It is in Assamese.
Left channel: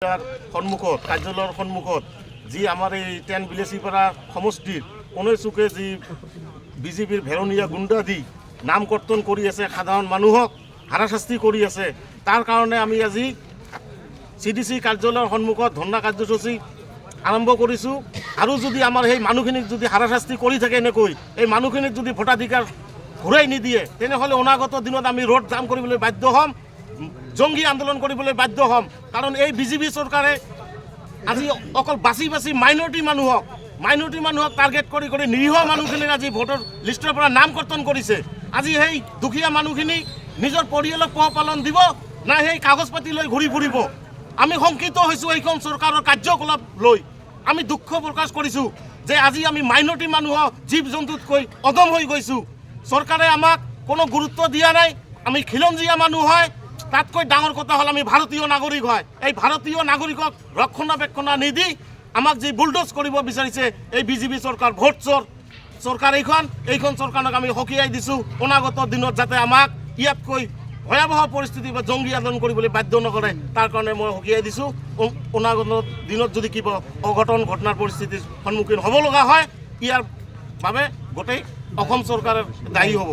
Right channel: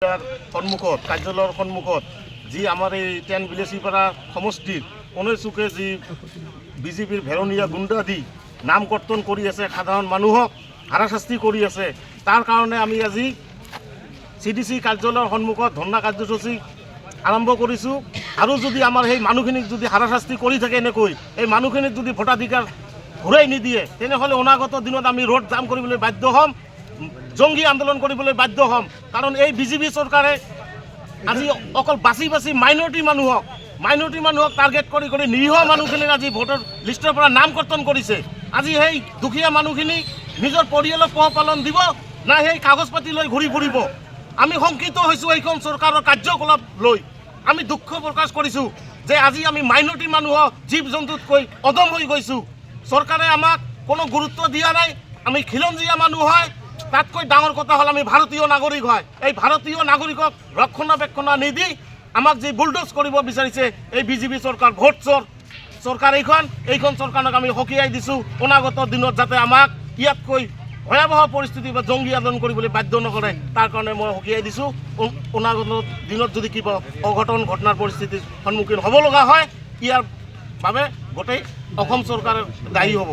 সন্মুখত কাৰ্যালয়ৰ সন্মুখত যি আমাৰ এই 10 বিলেচিপাৰা সমষ্টিৰ কোনে চুকে যি বিজেপিৰ ভেৰনীয়া গুণ্ডা দি নাম কৰ্তন কৰি আছে, সাধাৰণ মানুহক হাৰাশাস্তি কৰি আছে। তাৰ কাৰণে আমি আজি CDC কাৰ্যালয়ৰ সন্মুখত ধৰ্ণা কাৰ্যসূচী আৰম্ভ কৰিছোঁ। আৰু যদি আমাৰ সেই মানুহখিনিক যদি হাৰাশাস্তি কৰি থাকে এনেকৈ, এই মানুহখিনিক যদি ভোটাধিকাৰ ঘূৰাই নিদিয়ে, তেনেহ'লে অনাগত দিনত আমি ৰোড জাম কৰিবলৈ বাধ্য হ'ম, জংগী আন্দোলন কৰিবলৈ বাধ্য হ'ম। কাৰণ এই বিজেপি চৰকাৰে আজি অকল বাছি বাছি মাইনৰিটি মানুহক টাৰ্গেট কৰি কৰি নিৰীহ মানুহখিনিক আজি ভোটৰ লিষ্টৰ পৰা নাম কৰ্তন কৰিছে। আজি সেই দুখীয়া মানুহখিনি নিজৰ পৰিয়ালক পোহপালন দিব না সেই কাগজ পাতি লৈ ঘূৰি ফুৰিব। আমি শংকিত হৈছোঁ এইখন চৰকাৰৰ কাৰ্যকলাপ লৈ। আমি দুখ প্ৰকাশ কৰিছোঁ যে আজি আমি মাইনৰিটি মানুহক জীৱ জন্তুতকৈ অদম হৈ গৈছোঁ। চৰকাৰে আমাক কোনো গুৰুত্ব দিয়া নাই। আমি খিলঞ্জীয়া মানুহ হয়, তাতকৈ ডাঙৰ কথা হ'ল আমি ভাৰতীয় নাগৰিক হয়। এই ভাৰতীয় নাগৰিকক ৰক্ষণাবেক্ষণ নিদি আমাক যি বুলডোজ কৰিব বিচাৰিছে এই বিজেপি চৰকাৰ, ভোট চৰকাৰ এইখন চৰকাৰক আমি সকীয়াই দিছোঁ। অনাগত দিনত যাতে আমাক ইয়াতকৈ ভয়াৱহ পৰিস্থিতি বা জংগী আন্দোলন কৰিবলৈ বাধ্য নকৰে, তাৰ কাৰণে মই সকীয়াই দিছোঁ। অনাগত দিনত যদি কিবা অঘটন ঘটনাৰ পৰিস্থিতিৰ সন্মুখীন হ'ব লগা হয়, ইয়াৰ বাবে গোটেই অসম চৰকাৰে দায়ী হ'ব।